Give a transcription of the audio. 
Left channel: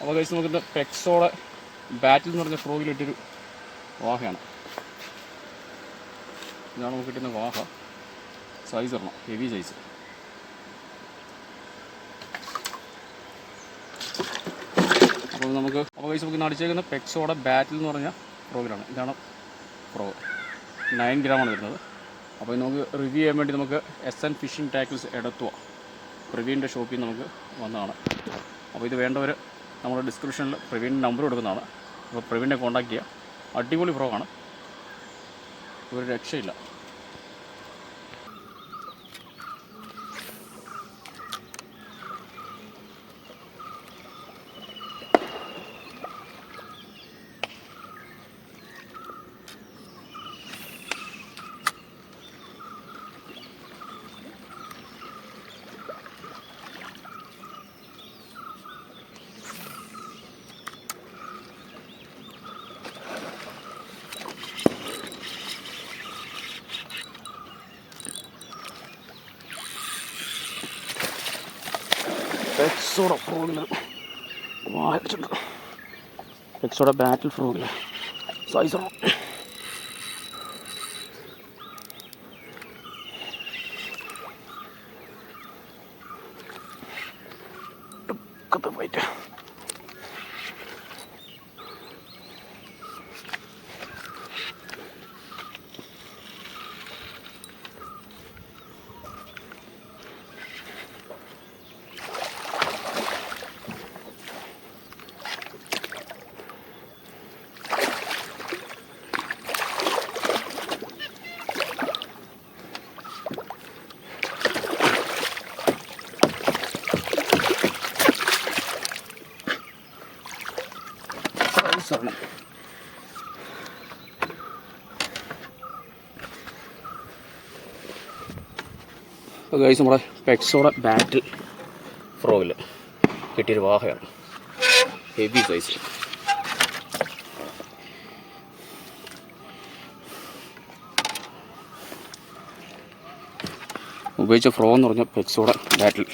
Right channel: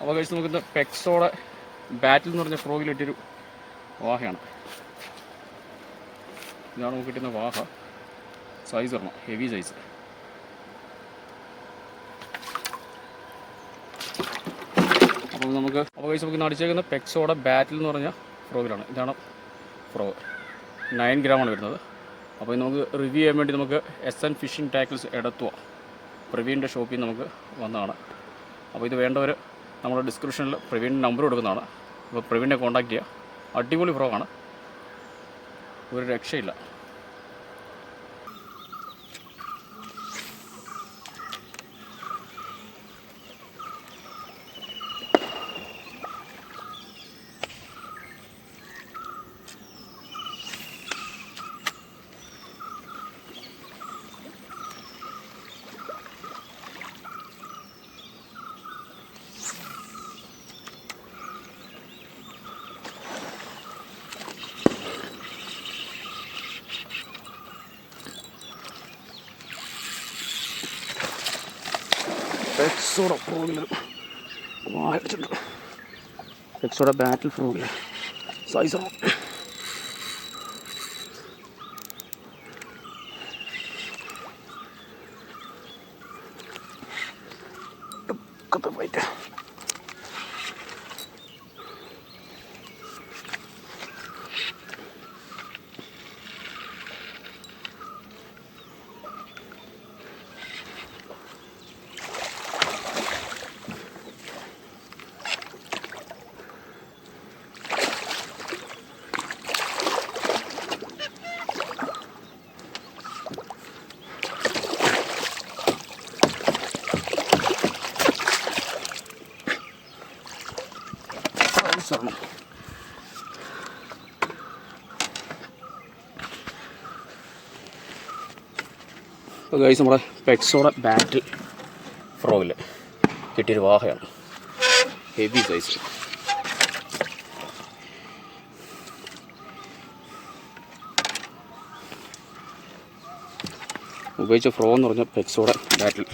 അപ്പോൾ കഴിച്ച് നമുക്ക് പെക്സോടെ ബാറ്റിൽ എന്ന് പറഞ്ഞ ഫ്രോഗിലിട്ടൊരു വാഹയാണ്. ഇതാണ് നമുക്ക് കിട്ടുന്ന വാഹ. സൈസ് ഇടണം ഹെവി സൈസ് അപ്പോൾ നമുക്ക് അപ്പോൾ കഴിച്ച് നമുക്ക് നടിച്ചേക്കുന്ന പെക്സോടെ ബാറ്റിൽ എന്ന് പറഞ്ഞ ഫ്രോഗിലാണ് ഇതാണ് ഫ്രോ നയൻ ഗ്രാമാണ് വരുന്നത്. അപ്പോൾ നമുക്ക് റിവ്യൂ ചെയ്യാൻ വേണ്ടി നമുക്ക് എസ് എൻ ഫിഷിംഗ് ടാക്കിൾസ് എടത്തുക പ്രവീണിന്റെ ഷോപ്പിൽ നമുക്ക് വന്നതാണ്. അപ്പോൾ ഇത് വേണ്ടവർ നമ്മുടെ ഡിസ്ക്രിപ്ഷനിൽ പ്രവീണിന്റെ നമ്പർ കൊടുക്കുന്നതാണ്. അപ്പോൾ പ്രവീണിനെ കോൺടാക്ട് ചെയ്യുക അടിപൊളി ഫ്രോഗാണ് ഒരു രക്ഷയില്ല. പെക്സോടെ ഫ്രോഗിൽ വായിച്ചിട്ടുണ്ട്. പെക്സോടെ ബാറ്റിൽ ഫ്രോഗിൽ സൈസ് കത്ത് പോയിട്ട് സൈസാണ് അപ്പോൾ ഗൈസ് നമ്മുടെ പെക്സോടെ ബാറ്റിൽ ഫ്രോയിൽ കിട്ടിയൊരു വാഹയാണ്. ഹെവി സൈസ് ഉപയോഗിച്ച ഫ്രോ എന്ന് പറഞ്ഞ പെക്സോടെ ബാറ്റിൽ